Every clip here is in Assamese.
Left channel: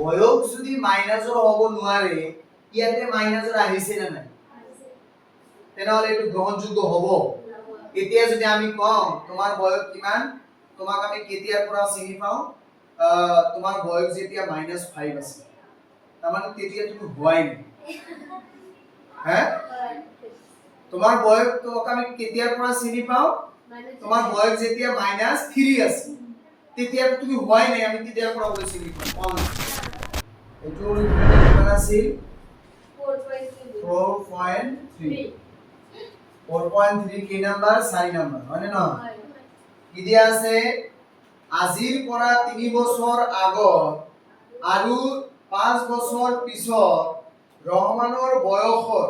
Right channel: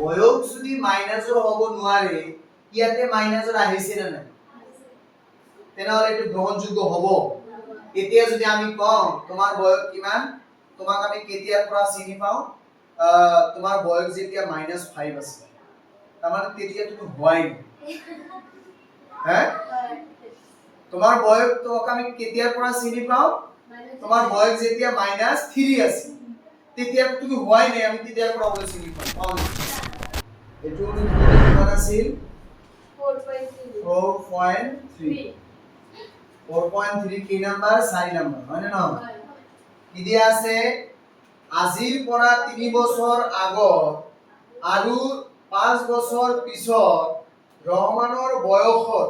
বয়স যদি মাইনাসৰ হ'ব নোৱাৰে ইয়াতে মাইনাসৰ আহিছে না নাই তেনেহলে এটো গ্ৰহণযোগ্য হ'ব এতিয়া যদি আমি কওঁ তোমাৰ বয়স কিমান তোমাক আমি কেতিয়াৰ পৰা চিনি পাওঁ তোমাৰ বয়স যেতিয়া -5 আছে তাৰমানে তেতিয়া তুমি হোৱাই নাই হ্যাঁ তোমাৰ বয়স তো আমি কেতিয়াৰ পৰা চিনি পাও তোমাৰ বয়স যেতিয়া -3 আছে তেতিয়া তুমি হোৱাই নাই আমি তেতিয়াৰ পৰা ওলাই চিনি পাও এটো কিমান আছিল 4.3 কি নাম্বাৰ 4 নাম্বাৰ হয় না কি দিয়া আছে আজিৰ পৰা 3 বছৰ আগত আৰু 5 বছৰ পিছত ৰহমানৰ বয়সৰ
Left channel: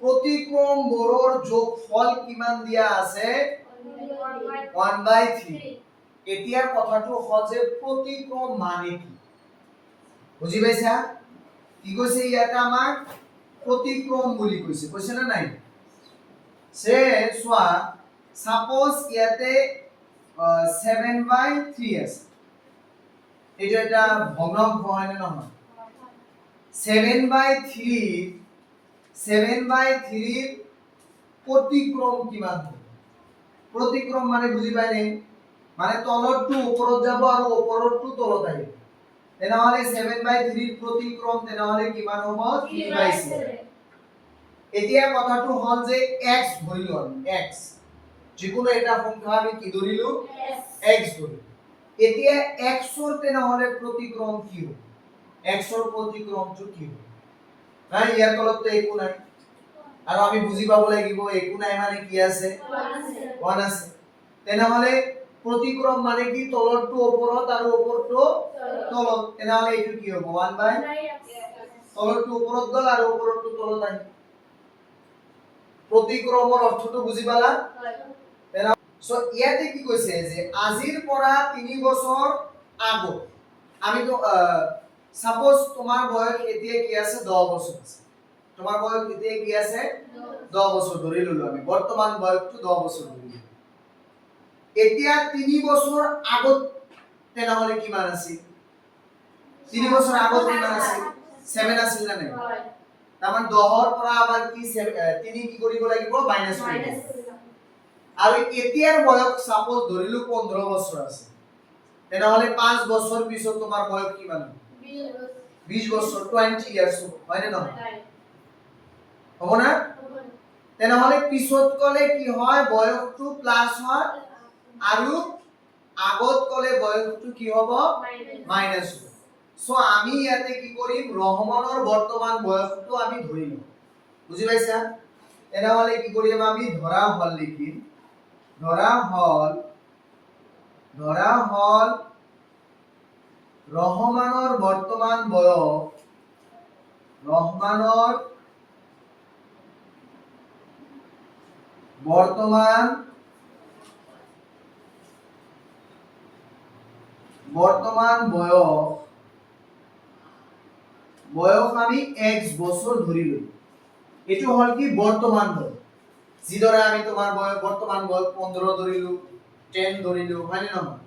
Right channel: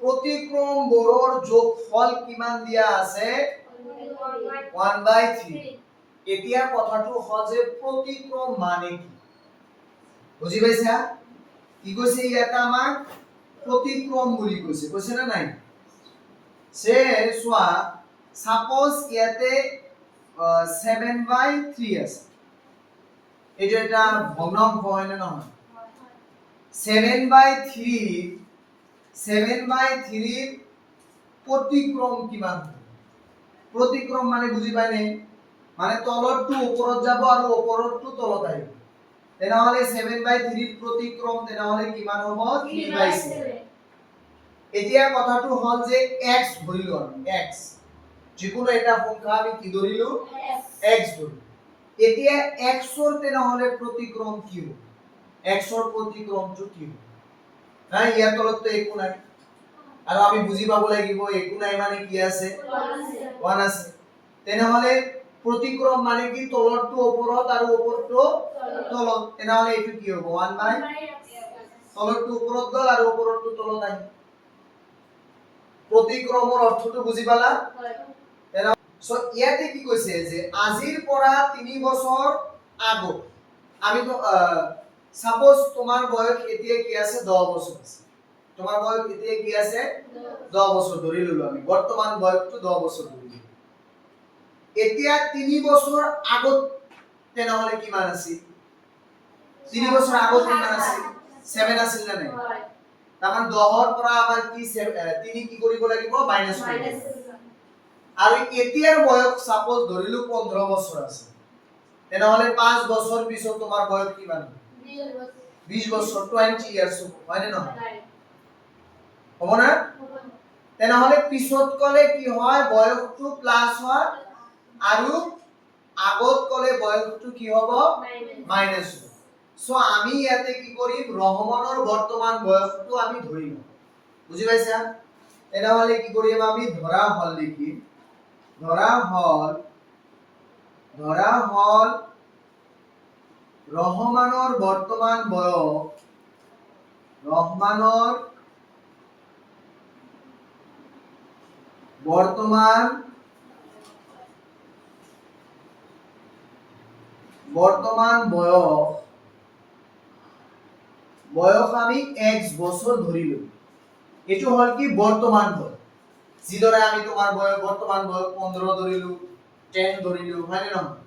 प्रतिक्रम बोरोर যোগফল কিমান দিয়া আছে 1/3 এতিয়া কথাটো হজে प्रतिक्रम মানে কি বুজি পাইছা কি কৈছে ইয়াটা আমাক प्रतिक्रम বুলি কৈছে না নাই সে সোয়া সাপোজ ইয়াতে 7/3 আছে এটা ভগ্নাংশ হয় না নহয় 7/3 प्रतिक्रम কিমান प्रतिक्रम মানে বুজি পাইনে মানে তলৰটো ওপৰত যাব আৰু ওপৰৰটো তলত আহিব তেনেহলে 7/3 प्रतिक्रम তেনেহলে কিমান হ'ব 3/7 এতিয়া কথাটো হল যে x ধৰিলো আমি x যিকোনো এটা সংখ্যা আমি কি ধৰিলো x ধৰিলো এতিয়া x ৰ তেনেহলে प्रतिक्रम কি হ'ব x ৰ प्रतिक्रमটো কি হ'ব নাই ইয়াৰ তলত তো একো নাই আৰু আমি বুজি পাব লাগিব একো নাই মানে কি আছে 1 আছে তেনেহলে प्रतिक्रम মানে কি তলৰটো ওপৰত আৰু ওপৰটো তলত তেনেহলে এটো কি হ'ব 1 বাই তলৰটো ওপৰত গল আৰু ওপৰটো তলত আহি प्रतिक्रমৰ অৰ্থটো বুজি পালা হয় সো ইয়াতে কি কৈছে যে আজিৰ পৰা 3 বছৰ আগত আমি তো সাপোজ তোমার বয়স এতিয়া কি আছে 10 বছর আছে তোমার বয়স এতিয়া কি আছে 10 বছর ধৰি ললো আমি বৰ্তমান বয়সটো 10 বছৰ ধৰি এতিয়া 3 বছৰ আগত তেনেহলে কিমান আছিল 3 বছৰ আগত কিমান আছিল 7 আছিল না নাই তামান 10 ৰ পৰা আবাৰ কি 3 কি কৰিব লাগিব মাইনাস কৰিব আৰু এতিয়াৰ বয়স সাপোজ ধৰিলো 15 বছৰ আছে তেনেহলে 5 বছৰ পিছত তোমাৰ বয়স কিমান 20 বছর 20 ইয়ার্স হয় না নহয় হ'ব না তেনেহলে পিছত কলে কি হয় বয়সটো প্লাস হয় আৰু আগত কলে বয়সটো কি হ'ব মাইনাস হ'ব সো আমি ইয়াতে কি কৰিম ৰহমানৰ বৰ্তমান বয়সটো আমি ধৰিম বুজি পাইছা তেনেহলে কি কৰিম আমি ধৰা হল লিখিম ধৰা হল ৰহমানৰ বৰ্তমান বয়স ৰহমানৰ বৰ্তমান বয়স আমি x বছৰ ধৰিলো এটো হল কি বৰ্তমান বয়স যিদৰে আমি তোমাৰ বয়স বর্তমান বয়স 15 ধরিলো 10 ধরিলো মানে নহয়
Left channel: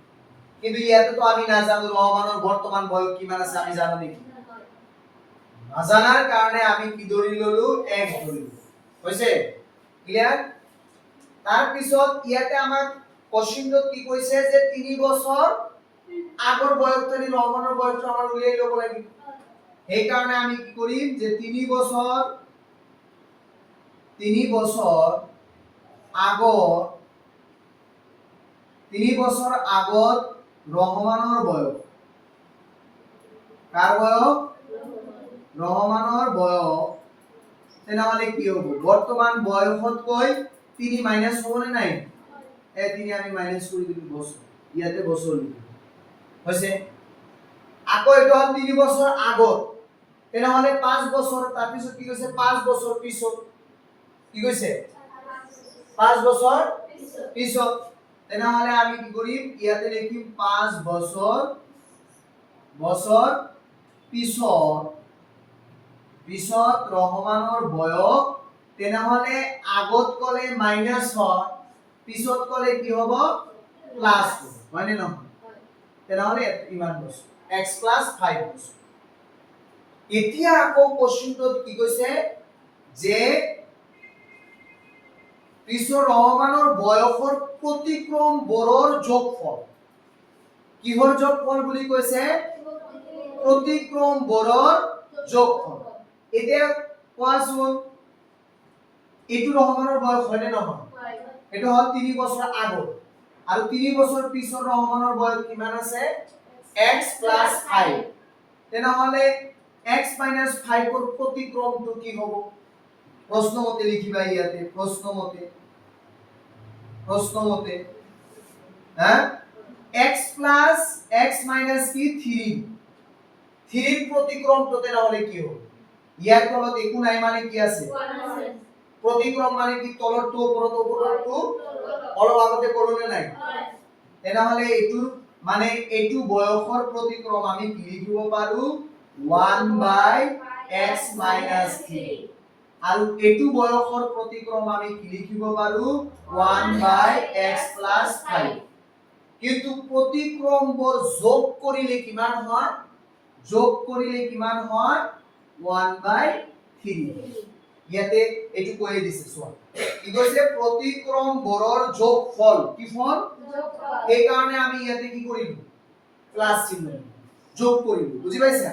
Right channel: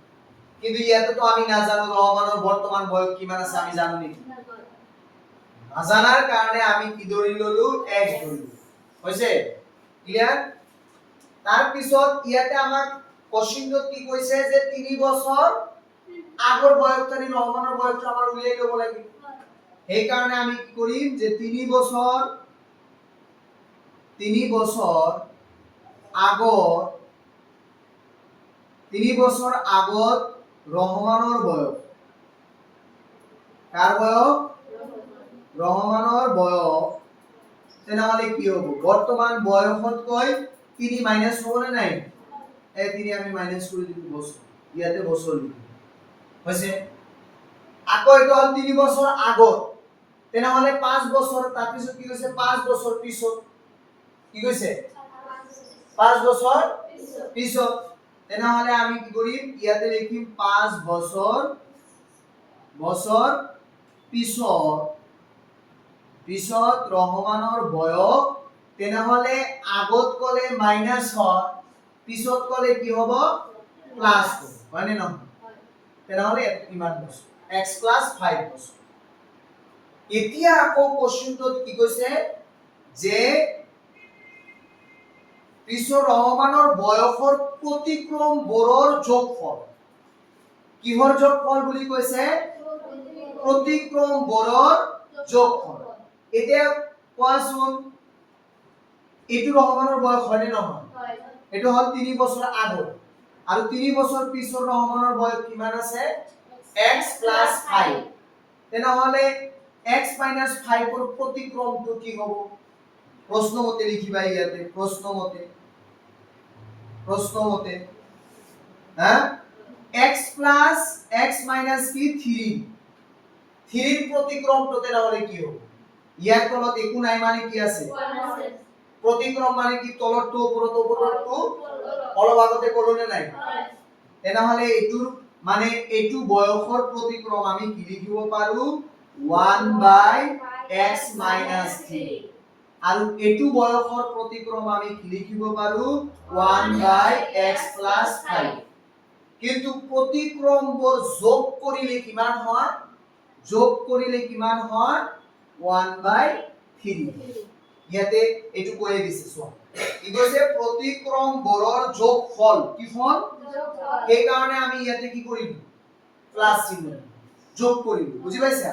কিন্তু ইয়াতে তো আমি না জানো রহমানের বর্তমান বয়স কিমান আছে আমি জানো নেকি না জানার কারণে আমি কি ধৰি ললো x ধৰি ললো হৈছে ক্লিয়াৰ তাৰ পিছত ইয়াতে আমাক কোশ্চেনত কি কৈছে যে 3 বছৰ আগৰ বয়সটানি ৰহমানেৰ বয়সটা আমাৰ উলিয়াই লব লাগিব এই কাৰণে আমি কি কৰিম যে 3 বছৰ আগত ৰহমানৰ বয়স কাৰ বয়স ৰহমানৰ বয়স তেনেহলে কি হ'ব বর্তমান বয়সতকৈ 3 মাইনাস হ'ব না নাই এই 3 আমি মাইনাস কৰি দিম বছৰ ইয়াতে বছৰ লিখিম হৈছে আকৌ এটা হল 3 বছৰ আগত তেনেহলে 5 বছৰ তাৰ পিছত কি হৈছে 5 বছৰ পিছত কি কৈছে 5 বছৰ পিছত তেনেহলে আমি কি কৰিম ইয়াতে লিখিম 5 বছৰ পিছত ৰহমানৰ বয়স তেনেহলে আগত কলে মাইনাস হয় পিছত কলে কি হ'ব প্লাস হয় নে নহয় তেনেহলে ইমান বছৰ x plus 5 বছৰ এতিয়া আকৌ কোশ্চেনটোত কি কৈছে যে পিছৰ ৰহমানৰ বয়সৰ প্ৰতিক্ৰমবোৰৰ যোগফল কিহৰ যোগফল বুলি কৈছে প্ৰতিক্ৰমবোৰৰ যোগফল এতিয়া কোৱাচোন এইটো ৰহমানৰ বয়স হয় নে নহয় এটো হল 3 বছৰ আগৰ আৰু 3 বছৰ পিছৰ ৰহমানৰ বয়স কিমান আছে x plus 5 তেনেহলে x minus 5 ৰ প্ৰতিক্ৰমটো কি হ'ব প্ৰশ্নমতে লিখিবা ইয়াতে প্ৰশ্নমতে হা x plus x minus কি 3 3 ৰ প্ৰতিক্ৰমটো তেনেহলে কি হ'ব ইয়াৰ তলত একো নাই মানে কি আছে প্ৰতিক্ৰম মানে কি তলৰটো ওপৰৰটো অলপ আগতে ক'লোনে নাই তেনেহলে এইটোৰ মানে এইটো বয়সৰ প্ৰতিক্ৰম আমি কি লিখিব পাৰো 1/x minus 3 আৰু এইটো বয়সৰ প্ৰতিক্ৰম আমি কি লিখিব পাৰো 1/x plus 5 কিন্তু প্ৰতিক্ৰমবোৰ যোগ কৰিলে কিমান হয় 1/3 ইয়াতে এইটো কৈ দিছে চোৱা কি কৈছে প্ৰতিক্ৰমবোৰৰ যোগফল কি ফল এই কাৰণে আমি ইয়াতে কি কৰিম প্লাস চিহ্ন যোগ কৰিম বুজি পাইছা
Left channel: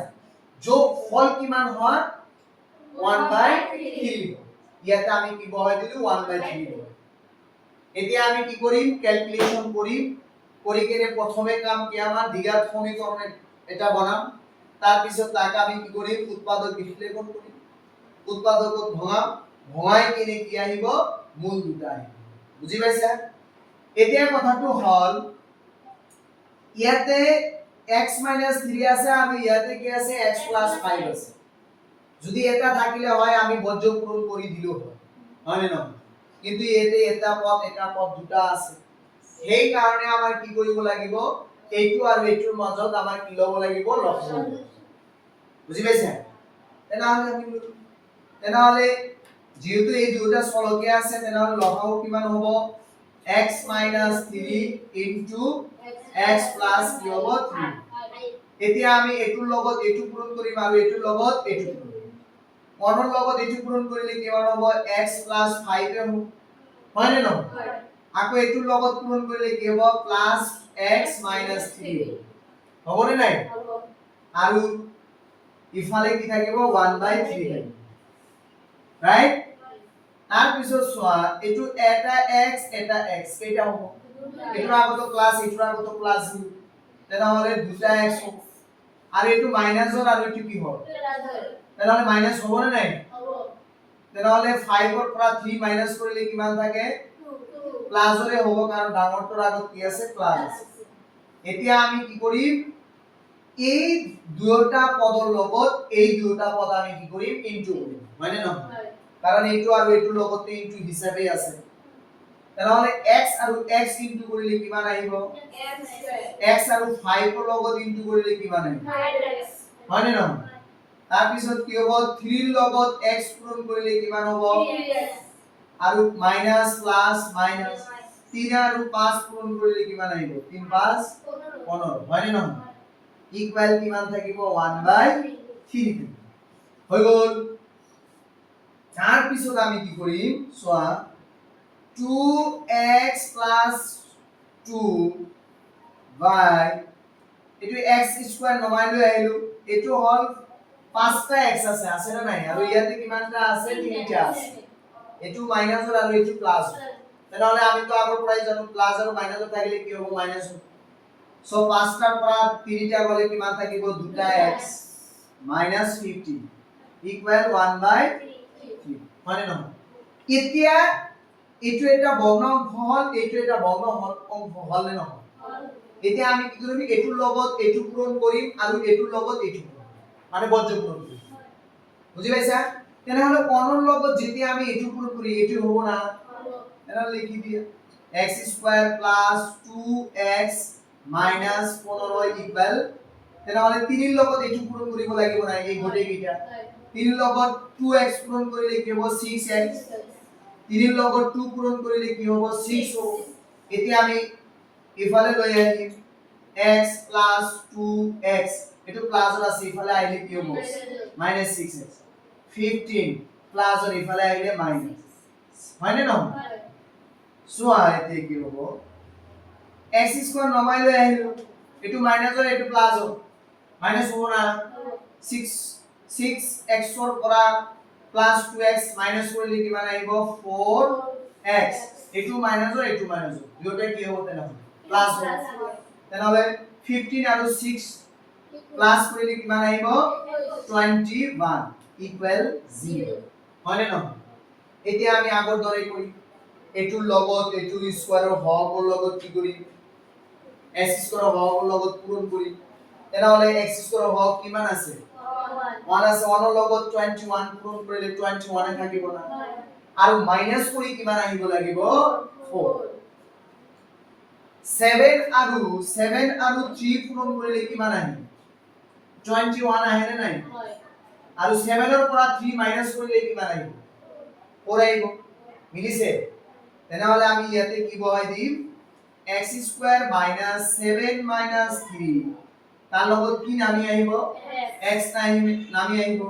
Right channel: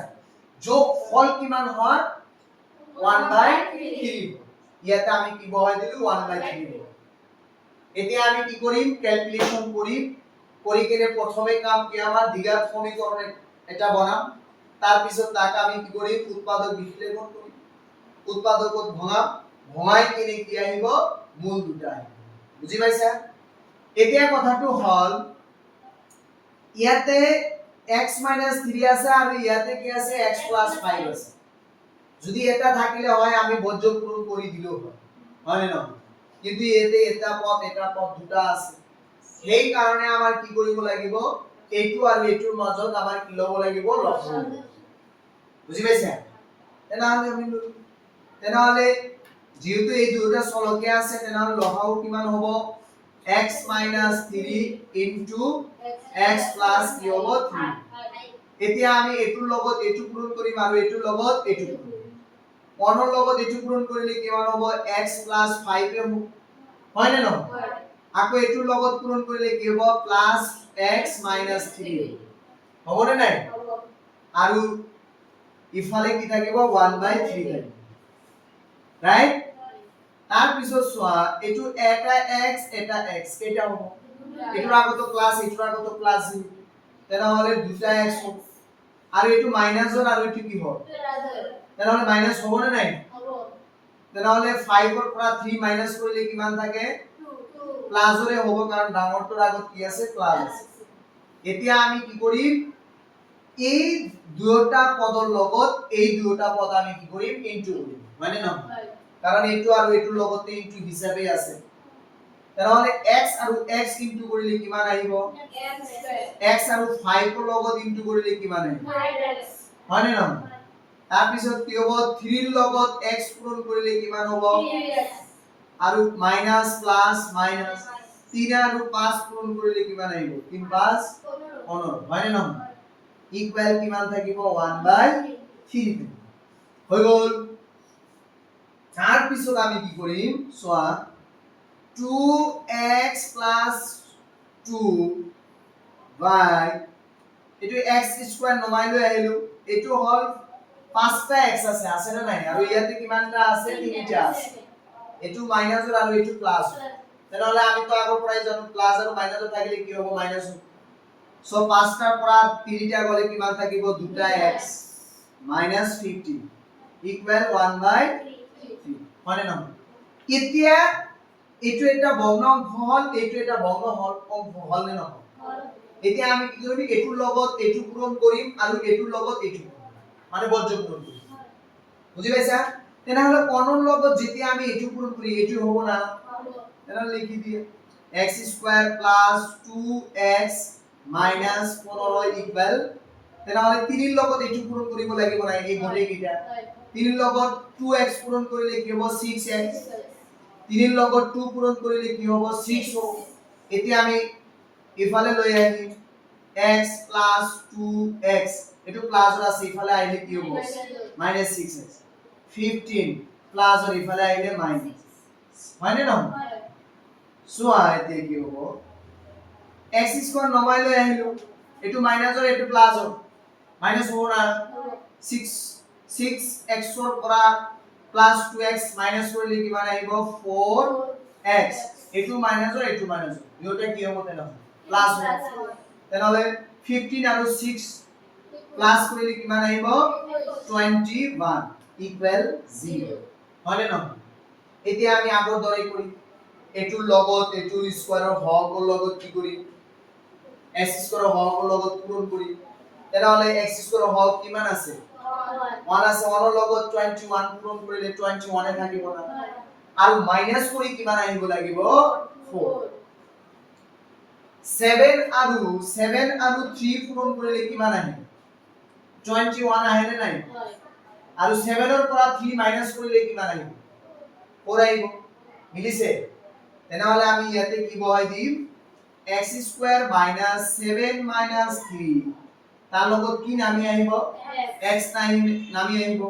যোগফল কিমান হয় 1/3 ইয়াতে আমি কি বহাই দিলো 1/3 এতিয়া আমি কি কৰিম ক্যালকুলেশন কৰিম কৰি কেনে প্ৰথমে কাম কি আমাৰ দ্বিঘাত সমীকৰণ এটা বনাম তাৰ পিছত তাক আমি কি কৰিম উৎপাদক বিশ্লেষণ কৰিম উৎপাদকত ভঙাই কিনে কি আহিব মূল দুটা আহিব বুজি পাইছা এতিয়া কথাটো হল ইয়াতে x 3 আছে আৰু ইয়াতে কি আছে x 5 আছে যদি এটা থাকিলে হয় আমি বজ্ৰ পূৰণ কৰি দিলো হয় নে নহয় কিন্তু এতে এটা পদ দুটা আছে সেই কাৰণে আমাৰ কি কৰিব লাগিব এইটো আৰু এইটোৰ মাজত আমাৰ কি লব লাগিব লসাগু বুজি পাইছা তেনেহলে যেহেতু এই দুটা চলকে আছে তেনেহলে লসাগু কিমান হ'ব x 3 into x plus কি হ'ব 3 এতিয়া আমি এইটোৰ লগত এইটো পূৰণ কৰিম আৰু এইটোৰ লগত এইটো পূৰণ কৰিম 1 ৰ লগত এইটো পূৰণ কৰিলে কিমান হ'ব x plus 5 এ হ'ব হয় নে নহয় আকৌ এইটোৰ লগত পূৰণ কৰিলে কি হ'ব plus x minus 3 হ'ব নে নাই আৰু ইফালে কি থাকিব 1/3 থাকিব ৰাইট তাৰ পিছত চোৱা এটো এটা x কেটা হ'ব এটোৰ আগত প্লাস এটোৰ আগত প্লাস তেনেহলে দুটা x হ'ব আৰু এটো মাইনাসৰ আৰু এটো কি হ'ব তেনেহলে মাইনাস হ'ব নে নাই হ'ব তেনেহলে 5 ৰ পৰা 3 মাইনাস কৰিলে কিমান থাকে 2 প্লাসৰে হ'ব কাৰণ ডাঙৰটোৰ আগত কি আছে প্লাস আছে এতিয়া আমি কি কৰিম এই দুটা পদৰ লগত এই দুটা পদ আমি কি কৰিম ইনটু কৰিম মানে নহয় কাৰণ এইটো আৰু এইটোৰ লগতে ইনটু হিচাপে আছে তেনেহলে x আৰু x ইনটু কৰিলে কিমান আহিব x আৰু 5 ৰ লগত ইনটু কৰিলে কিমান আহিব 5x মানে নহয় তাৰ পিছত কি হ'ব 3 ৰ লগত x পূৰণ কৰিলে কিমান হ'ব 3x আৰু মাইনাস প্লাস মাইনাস 3 আৰু 5 পূৰণ কৰিলে কিমান আহিব 3 5 15 হয় নে নহয় ইকুয়াল কিমান থাকিব 1/3 হৈ গল তাৰ পিছত আমি কি কৰিম সোয়া 2x + 2 y এটো x স্কয়ার নমাই লৈ আহিলো এটো হল 5টা x আছে না নাই আৰু ইয়াতে কিমানটা আছে 3টা আছে এটো মাইনাসৰ আৰু এটো প্লাস তেনেহলে আমি তো আগৰ পৰাই জানো প্লাস আৰু মাইনাসৰ থাকিলে কি হ'ব মাইনাস সো 5টাৰ পৰা 3টা গলে কিমান থাকিব 2টা x -50 ইকুয়াল 1/3 মানে নহয় এতিয়া এটো এটা ভগ্ন হল এটো এটা ভগ্ন হল নে নহয় এতিয়া আমি কি কৰিম এটোৰ লগত এটো পূৰণ কৰিম আৰু এটোৰ লগত এটো মানে বজ্ৰ পূৰণ কৰিম বুজি পাইছা তেনেহলে কোনৰ লগত যেতিয়া আমি এটো পূৰণ করি এটো হ'ব না তেনেহলে লিখি দিয়া x² + 2x -15 ইকুয়াল তেনেহলে 3 ৰ লগত এটো পূৰণ কৰিব লাগিব না এই গোটেই কিটা 3 ৰ লগত 2x পূৰণ কৰিলে কি হ'ব 6x 3 ৰ লগত 2 পূৰণ কৰিলে কি হ'ব 6 হ'ব এতিয়া আমি ইফালে লৈ আহিম x plus 2x এটো প্লাসৰ আছে ইফালে আহিলে কি হ'ব minus 6x 15 প্লাসৰ ইফালে আহিলে মাইনাস হয় নে নহয় চোৱা এতিয়া কি হ'ব x স্কয়াৰ নমাইলে আহিলো এটো মাইনাসৰ এটো প্লাসৰ মাইনাস হ'ব না 6x ৰ পৰা প্লাস 2x মাইনাস কৰিলে কিমান আহিব 4x এটো মাইনাসৰ দুয়োটা কি হ'ব তেনেহ'লে প্লাস হ'ব তেনেহ'লে 15 আৰু 6 প্লাস কৰিলে কিমান আহিব 21 ইকুৱেল 0 হয় নে নহয় এতিয়া আমি আগৰ দৰে কৰিম এটোৰ লগত এটোৰ স্কয়াৰৰ হৰৰ লগত কি কৰিম x স্কয়াৰৰ হৰৰ লগত পূৰণ কৰিম তেনেহ'লে x স্কয়াৰৰ হৰ কিমান আছে 1 আছে 1 ৰ লগত 21 পূৰণ কৰিলে 21 এ থাকিব না আৰু মাইনাস কৰি কিমান আহিব লাগিব 4 7 আৰু 3 পূৰণ কৰিলে কিমান আহিব 21 আহে নে নাই আৰু 7 ৰ পৰা 3 মাইনাস কৰিলে কিমান আহিব 4 আহিব মিলিছে তেনেহলে আমি ইয়াতে কি বহাই দিম x স্কয়ার মাইনাস 7 মাইনাস 3 তার লগত কি নামি আহিব x নামি আহিব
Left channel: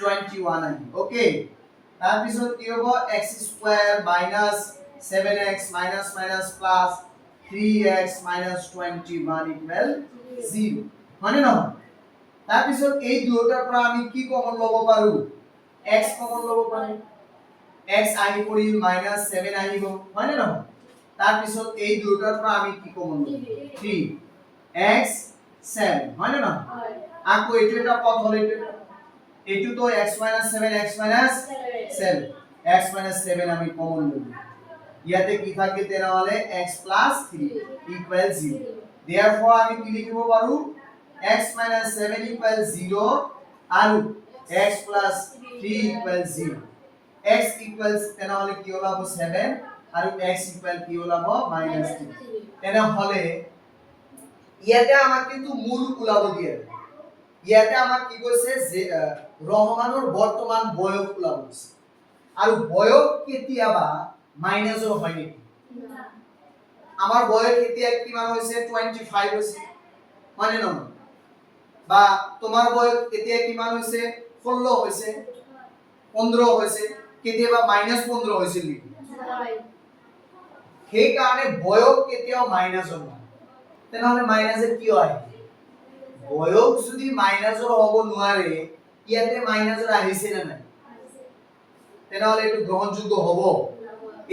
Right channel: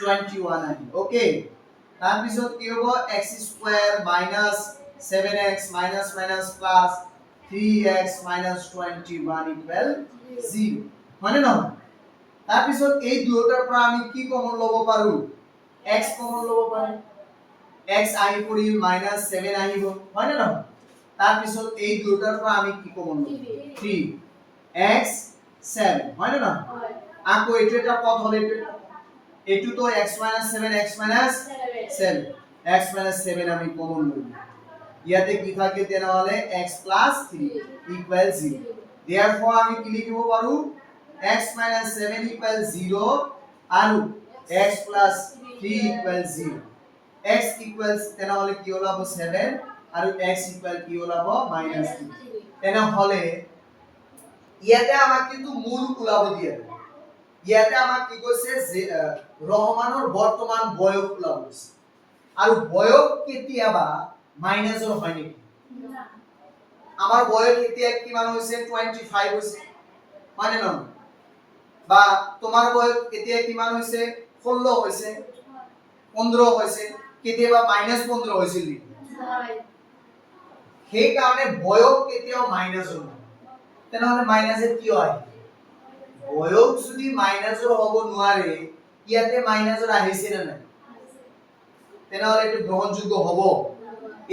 21 আহিব ওকে তার পিছত কি হ'ব x square minus 7x minus minus plus 3x minus 21 equal 0 মানে নহয় তাৰ পিছত এই দুয়োটাৰ পৰা আমি কি কমন ল'ব পাৰো x কমন ল'ব পাৰো x আহি পৰিল -7 আহিব হয় নে নহয় তাৰ পিছত এই দুয়োটাৰ পৰা আমি কি কমন ল'ব 3x 7 হয় নে নহয় আকৌ এইটো এটা পদ হলে এইটো তো x 7 x 7 x 7 আমি কমন ল'ব ইয়াতে কি থাকে তেনেহলে x 3 equal 0 therefore আমি কি লিখিব পাৰো x 7 equal 0 আৰু x 3 equal 0 x equals তেনেহলে কি ওলাব 7 আৰু x equal কি ওলাব -3 তেনেহলে ইয়াতে আমাক কিন্তু মূল ওলাব দিয়ে ইয়াতে আমাক কি কৈছে যে ৰহমানৰ বৰ্তমান বয়স ওলাব দিছে আৰু বয়স কেতিয়াবা মাইনাসৰ হয় নেকি না আমাৰ বয়স এতিয়া কিমান হৈছে 25 হৈছে হয় নে নহয় বা তোমাৰ বয়স এতিয়া কিমান হৈছে 16 হৈছে 15 হৈছে কেতিয়াবা -15 হৈছিল নেকি হয় সেই কাৰণে বয়স কেতিয়াও মাইনাসৰ নহয় তেনেহলে মাইনাসে কিয় আহে বয়স যদি মাইনাসৰ হ'ব নোৱাৰে ইয়াতে মাইনাসৰ আহিছে নে নাই তেনেহলে এটো গ্ৰহণযোগ্য হ'ব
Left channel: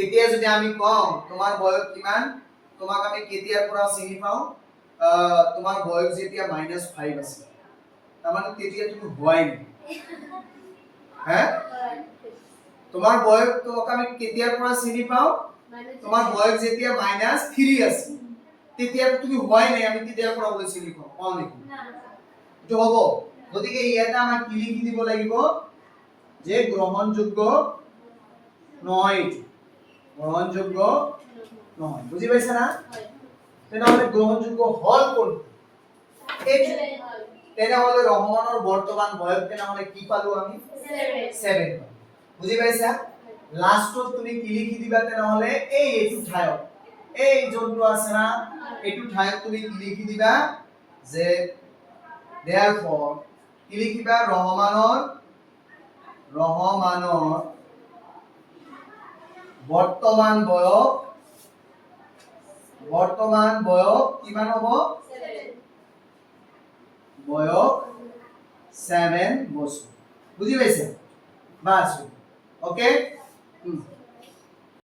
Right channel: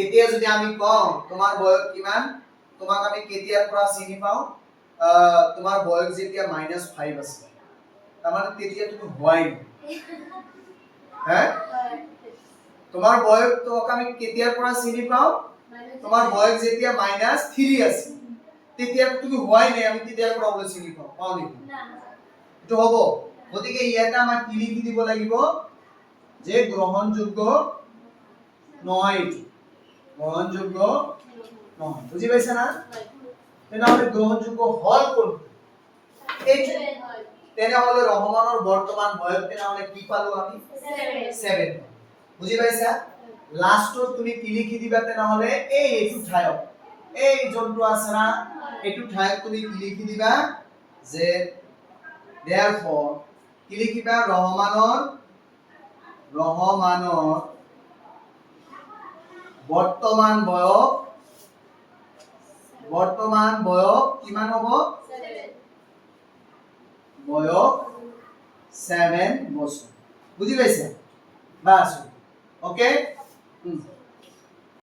এতিয়া যদি আমি কম তোমাৰ বয়স কিমান তোমাক আমি কেতিয়াৰ পৰা চিনি পাও তোমাৰ বয়স যেতিয়া -5 আছে তাৰমানে তেতিয়া তুমি হোৱাই নাই হ্যাঁ তোমাৰ বয়স তো আমি কেতিয়াৰ পৰা চিনি পাও তোমাৰ বয়স যেতিয়া -3 আছে তেতিয়া তুমি হোৱাই নাই আমি তেতিয়াৰ পৰা ওলাই চিনি পাও নেকি না এটো হ'ব গতিকে ইয়াতে আমাক কি লিখি দিব লাগিব যে গ্ৰহণযোগ্য নহয় গ্ৰহণযোগ্য নহয় বুঝি পাইছা না তেনেহলে গ্ৰহণযোগ্য হল কোন এই তেনেহলে ৰহমানৰ বৰ্তমান বয়স তেনেহলে কি পালো আমি 7 বুঝি পাইছা লাষ্টত তুমি কি লিখি দিবা তেনেহলে এইটো ঠায়ক এই যোনটো আছে না এইটো ঠায়ক তুমি কি লিখি দিবা যে therefore কি লিখিবা ৰহমানৰ বৰ্তমান বয়স কিমান হ'ব 7 বয়স 7 বছৰ বুঝি পাইছে বাস ওকে